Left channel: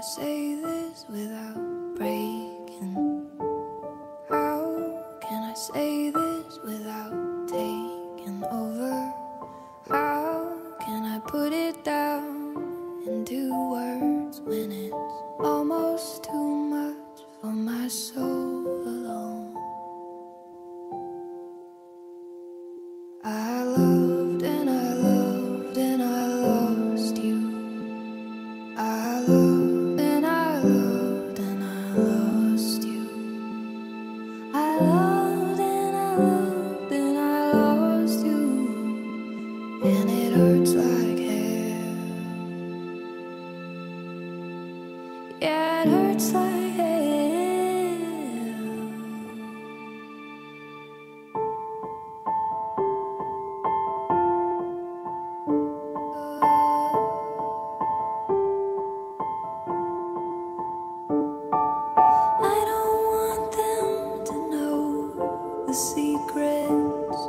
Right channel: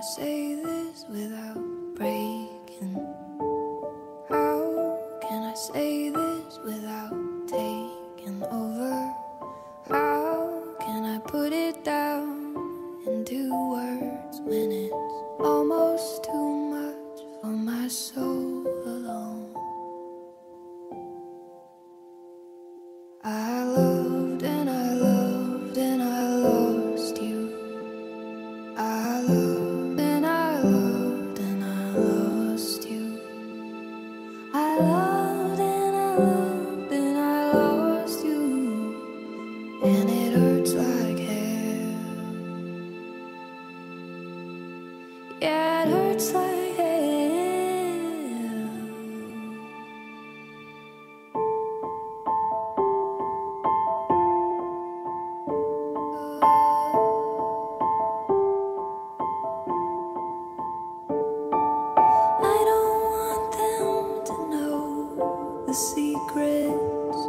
I say this without breaking? How can I say this without taking over? How can I put it down into words when it's almost too much for my soul alone? I loved and I loved and I lost you. I loved and I loved and I lost you. I loved and I loved and I lost you. And it hurts like hell. Yeah, it hurts like hell. I don't want them to know the secrets